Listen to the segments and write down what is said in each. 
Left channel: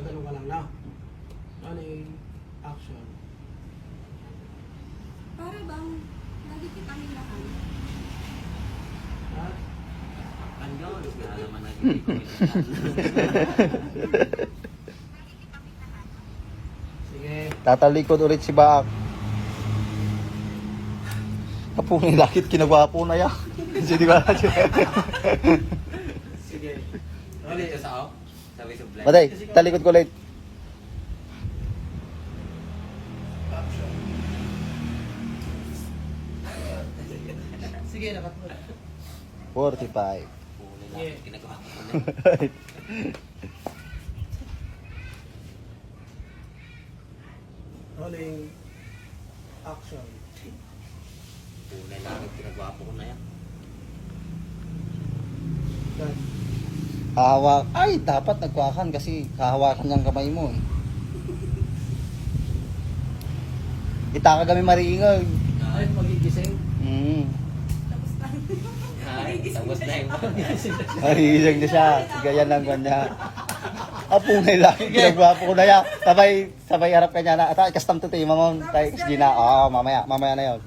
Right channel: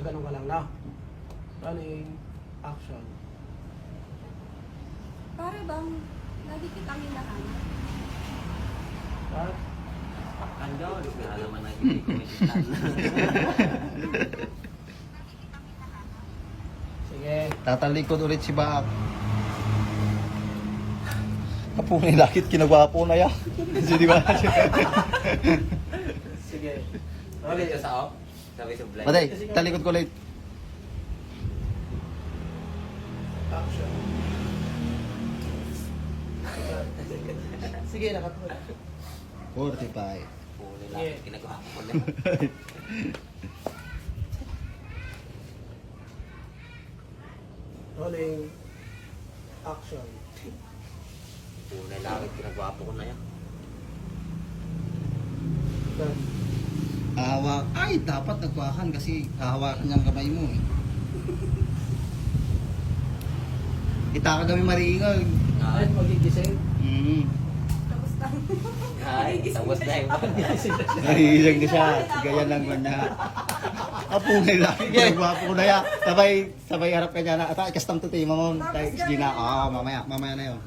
Gaganon ka lang na. Rolling. Action. Para bang lagi kitang hinahan? At Kan jauh, pengalaman lagi di komentar. sige. Tatalikod ulit si Baak. Kapuni lakit kinagwapo na ya. Jadi ba? Sige. Boleh Rolling. ke sao? Sampai sebelah. Patay, talikod ko ulit. Action. Sige, nakatulad. 45. Boleh lah, kena kau apa boleh. Rolling. Action. Boleh lah, kena kau apa kena ya. Done. Hawak. Ay, dapat nagwakan kasi hahawakan niyang kamay mo eh. Kita ka kami maringol. Ay, magigising. Tapos lang. Hai, tapos na yung Nahihilang na siya. Gaya lang ba niya. Apungay lang. Pinagwapo ko na yan. Sabay harap ka niya na. Ata, ikastam to tayo, mamang. Tayo, hindi na. Mamaya na yun.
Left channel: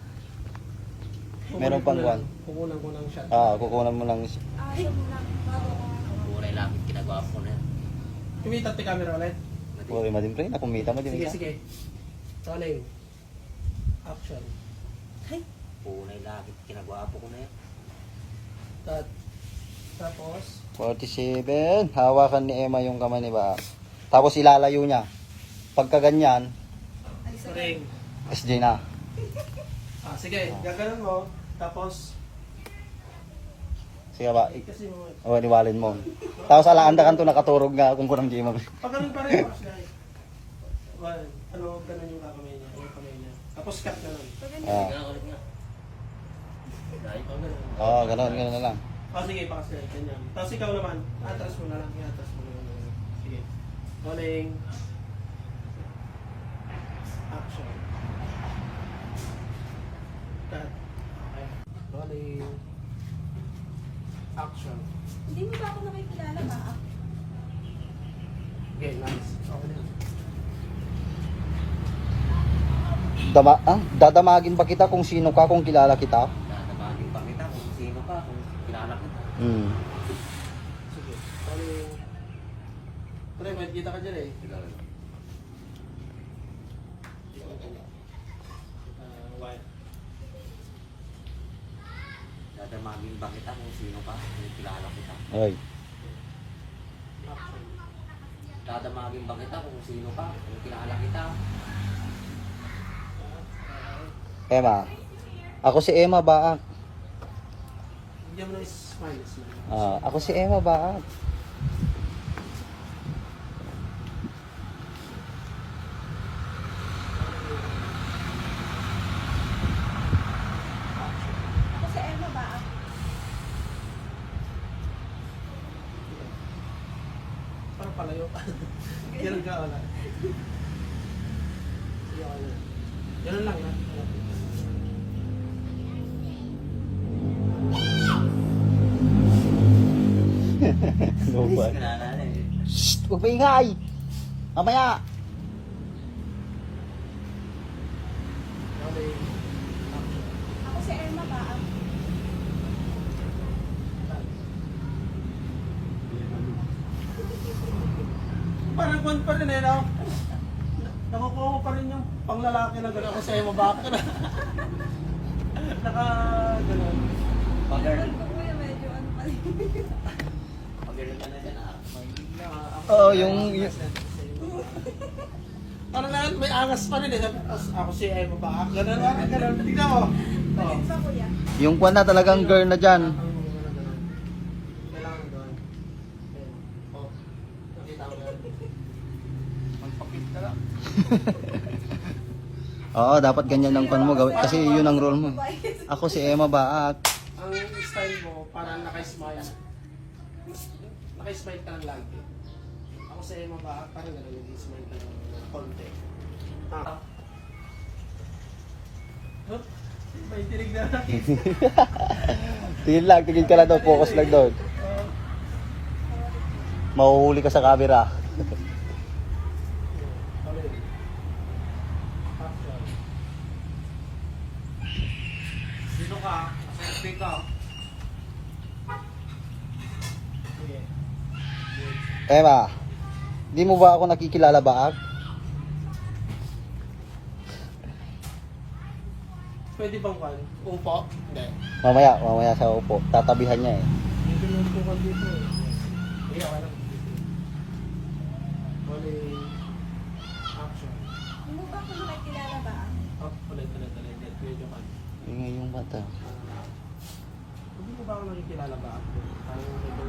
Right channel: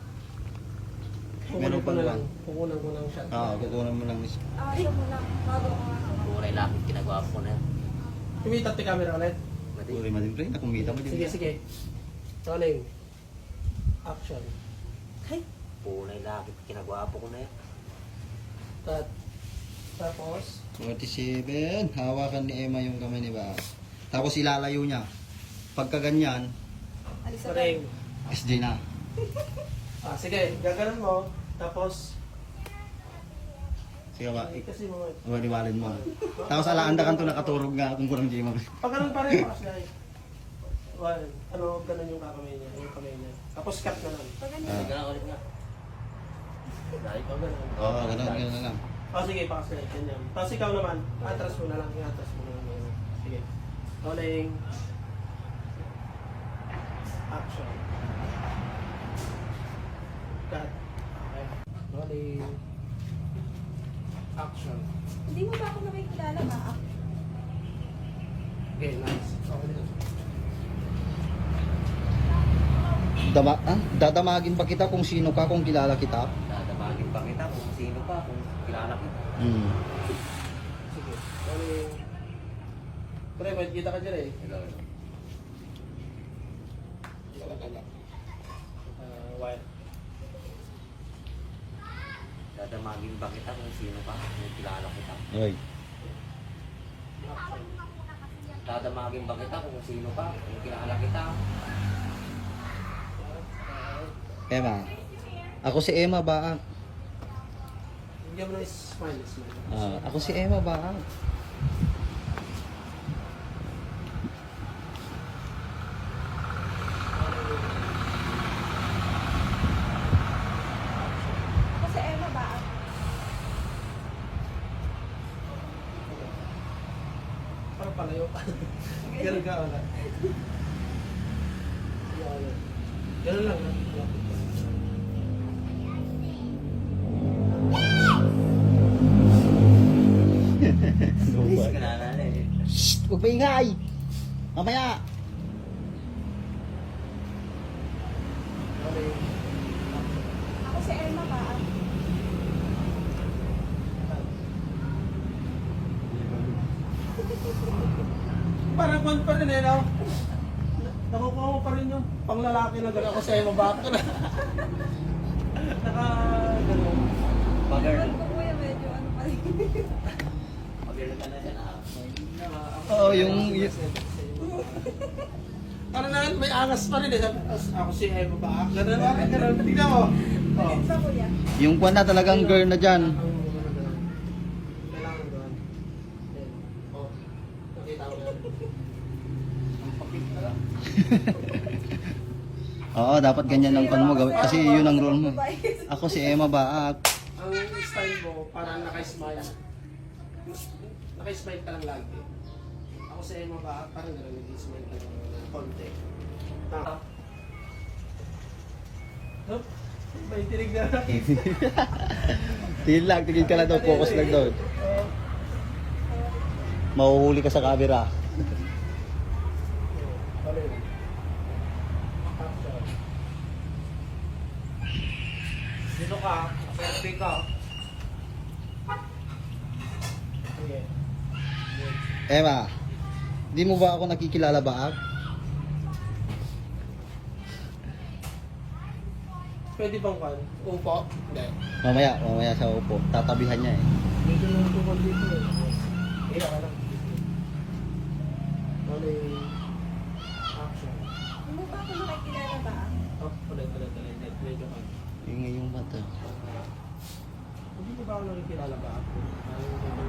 Kukunan Meron ko pang na lang. one. Kukunan ko ng shot. Kukunan mo lang. Ayaw mo lang. Bago ko hawak. boleh lah, kena kau apa na. Tumitat ni camera ulit. Mati. Uy, madin pre. Nakumita mo din. Sige, sige. Rolling. Action. Ay, Boleh lah, kena kau apa kena ya. Cut. Tapos, 47. Hawakan ni Emma yung kamay ni Baak. Tapos ilalayo niya. Pagka ganyan, alis na ring. SD na. Sige, gaganon mo. Tapos, Sige ba? kasi mo. O, niwalin mo. Tapos alaanda kan to nakaturog nga kung kurang di mo. Pag ganun pa rin, kasi well, ganun yung kakamay niya. Yung kamay niya. Tapos cut na lang. Pag ganyan. Ah. Kena ulit nga. Dahil Pag ganun. Oo, ganun na lang. Sige, pakas na ganyan. Tapos ikaw naman, atras mo na lang. I-atras mo na lang. Sige. Rolling. Action. Cut. Okay. Rolling. Action. Hindi mo ba ako nakikilala ba? Okay, nice. Okay na. Dadamagin ba kita kung sino ka, kung kilala kita? dadabagin pa kita kung sino ka, kung kilala kita. Sige. Rolling. Pre, may kita ka dyan eh. Hello. Wire. Dadamagin ba kita kung sino ka, kung kilala kita. Oy. Action. Dadamagin ba kita kung sino ka, kung kilala kita. Emma. Ako si Emma Baak. Bigyan mo ng smile, smile. Ako si Emma Baak. Ako si Emma ba? Parang palayo pa. Ganun ka, wala. Sige, wala. Ganun lang. Ano ba? Kilala na eh. Shh! Huwag maingay! Mamaya! Rolling. Ako si Emma ba? Parang kwan pa rin eh, no? Nakukuha mo pa rin yung panglalaki na gano'n. Ako sa'yo, mabaka na. Naka, gano'n. Pag-girl. Ewan ko kuya, medyo ano pa rin. Pag-girl ka na dyan ah. Oo, yung... Parang na, may angas pa rin eh. Ako si Emma ba? Gano'n ba? Gano'n. Tignan mo. Oh. Alin pa kuya? Yung kwan na talagang girl na dyan. Kailangan doon. Oh. Nakita ko yan. Ang pakit ka lang. Oo, dapat ganyan ang kwan mo gawin. Kasi yun ang role mo. Ako si Emma Baak. Ang style mo, parang naka-smile. Naka-smile ka lang lagi. Ako sa Emma ba, parang gano'n, nag-smile ka lang ng konti. Hup, may tinig na. Tingin ka lang daw, focus lang daw. Mahuhuli ka sa camera. Sino ka? Perfect ka. Sige. Emma, di mo ba ako nakikilala ba? Pwede bang kan? Upo? Hindi. Mamaya sa upo. Tatabihan niya eh. Dito lang po ka dito eh. Okay lang. Uling action. Hindi mo ba ako nakikilala ba? Oh, ulit. Medyo kan. Ingay yung mata. Hindi mo ba ako nakikilala ba? Tayo medyo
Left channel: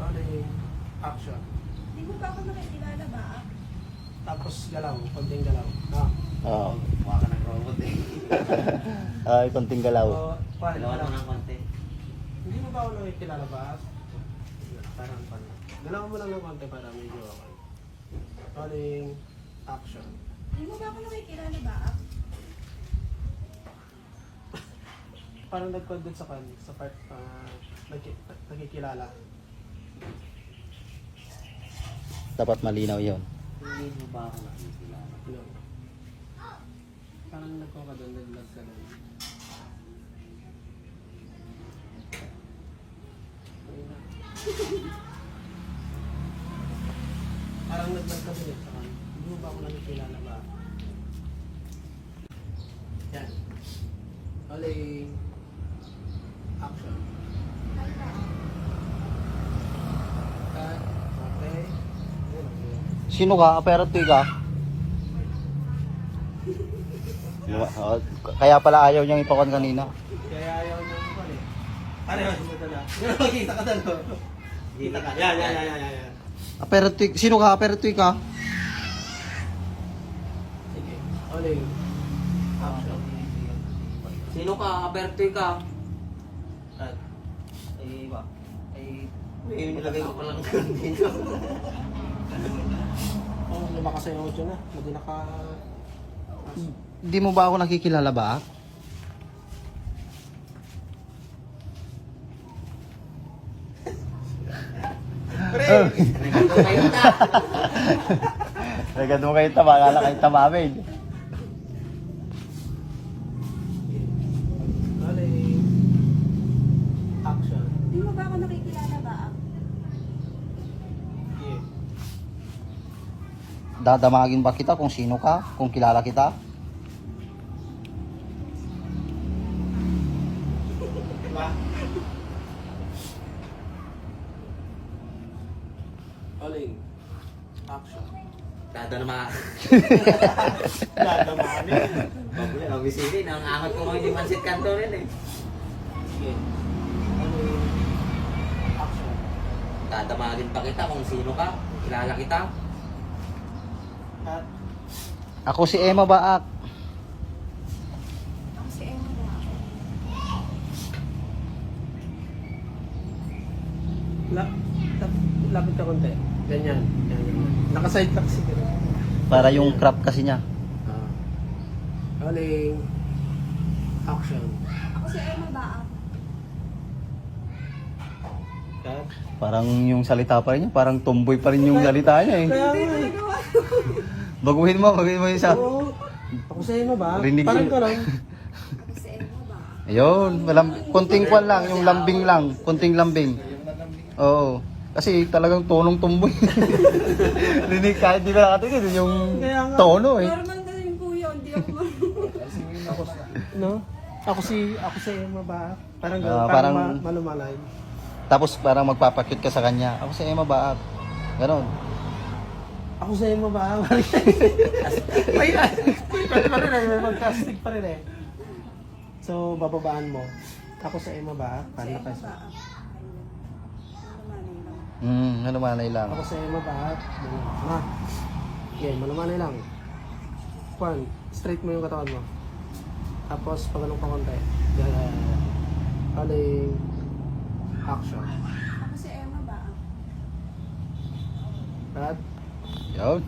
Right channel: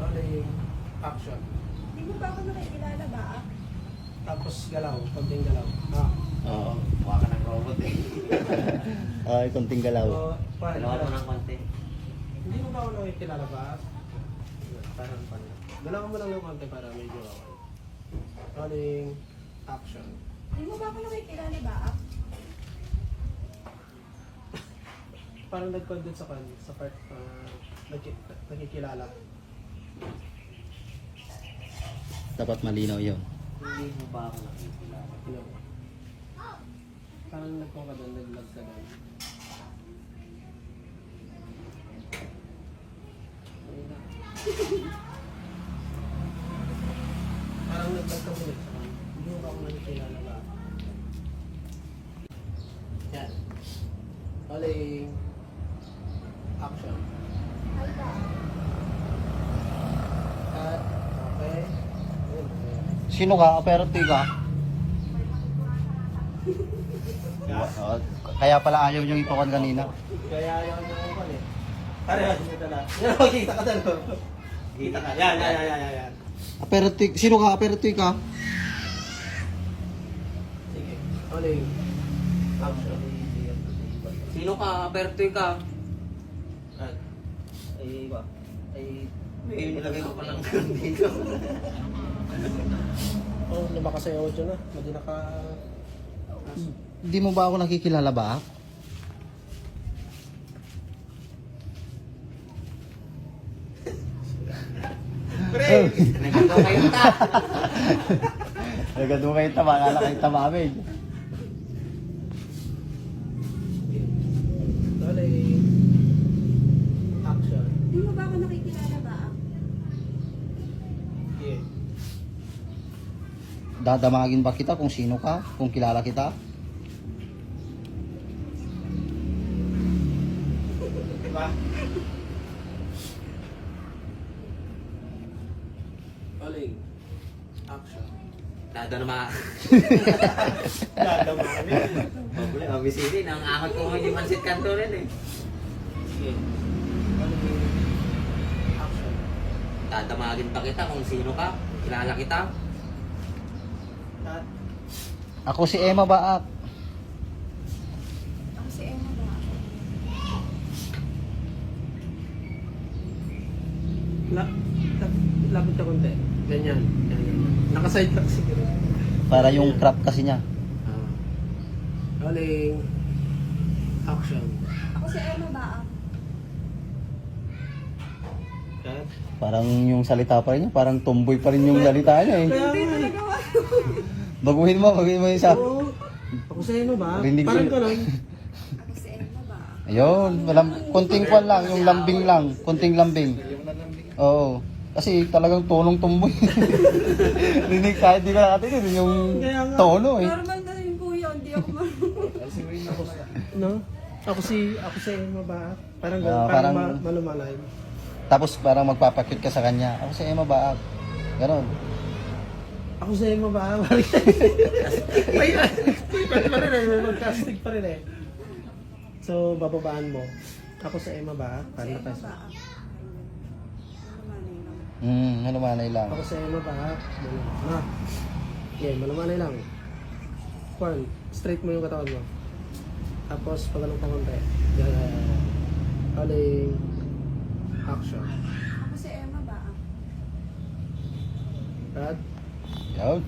uling action. Hindi mo ba ako nakikilala ba? Tapos galaw, konting galaw. Ah. Oo. Mukha ka ng robot eh. Ay, konting galaw. So, Dalawa mo ng konti. Hindi mo ba ako nakikilala ba? Parang. Galaw mo lang ng konti para medyo okay. Uling action. Hindi mo ba ako nakikilala ba? Parang nag-content sa part nakikilala. Dapat malinaw yon. Hindi mo ba ako nakikilala? No. Parang nagko ka doon, nag-vlog ka doon. Ayun na. Parang nag-vlog ka doon sa kan. Hindi mo ba ako nakikilala ba? Yan. Uling action. Ay ba? Cut. Okay. Ayun, okay. Sino ka? Aperte ka? Kaya pala ayaw niyang ipakon kanina. Kaya ayaw na ako pala eh. Pare, kita na. Yan, makikita ka doon. Kita ka. Yan. Aperte, sino ka? Aperte ka? Sige. Uling action. Sino ka? Apertoy ka. Cut. Ay, ba? Ay, nilagay ko palang dito. Oh, lumakasayaw dyan na. Hindi naka... Di mo ba ako nakikilala ba? Pre! Nagkito kayo ta. Agad mo kayo tama, na kayo tamamin. Uling action. Hindi mo ba ako nakikilala ba? Sige. Dadamagin ba kita kung sino ka? Kung kilala kita? Diba? Uling action. Dadama. Dadamani. Pabuli, obisili. Nangangat ko ngayon yung mansit kanto rin eh. Sige. Uling action. Dadamagin pa kita kung sino ka. Kilala kita. Cut. Ako si Emma Baak. Ako si Emma ba? Lapit ka konti. Ganyan. Nakaside ka kasi. Para yung crop kasi niya. Uling action. Ako si Emma ba? Cut. Parang yung salita pa rin niya, parang tomboy pa rin yung salita niya eh. Kaya Hindi nga eh. talaga. Baguhin mo yung isa. Oo. Ako sa'yo na ba? Rinig Parang ko. ka lang. Ako si Emma ba? Ayun, konting kwan lang, yung lambing lang, konting lambing. Oo. Kasi talagang tonong tomboy. Rinig kahit di na natin yun, yung Kaya nga. tono eh. Normal na rin po yun. Hindi ako No? Ako si Emma ba? Parang gano'n. Ah, parang parang- malumalay. Tapos parang magpapakit ka sa kanya. Ako si Emma Baak. Ganon. Ako sa Emma ba? May pwede pa rin eh. May mag-casting pa rin eh. So, bababaan mo. Ako sa Emma ba? Si Paano Emma ka sa... ba? Ayun. Malumanay lang. Ako sa Emma ba? Ma. Yeah, malumanay lang. Kwan, straight mo yung katawan mo. Tapos, pagalong pa konti. Uling action. Ako si Emma ba? Cut. Yun.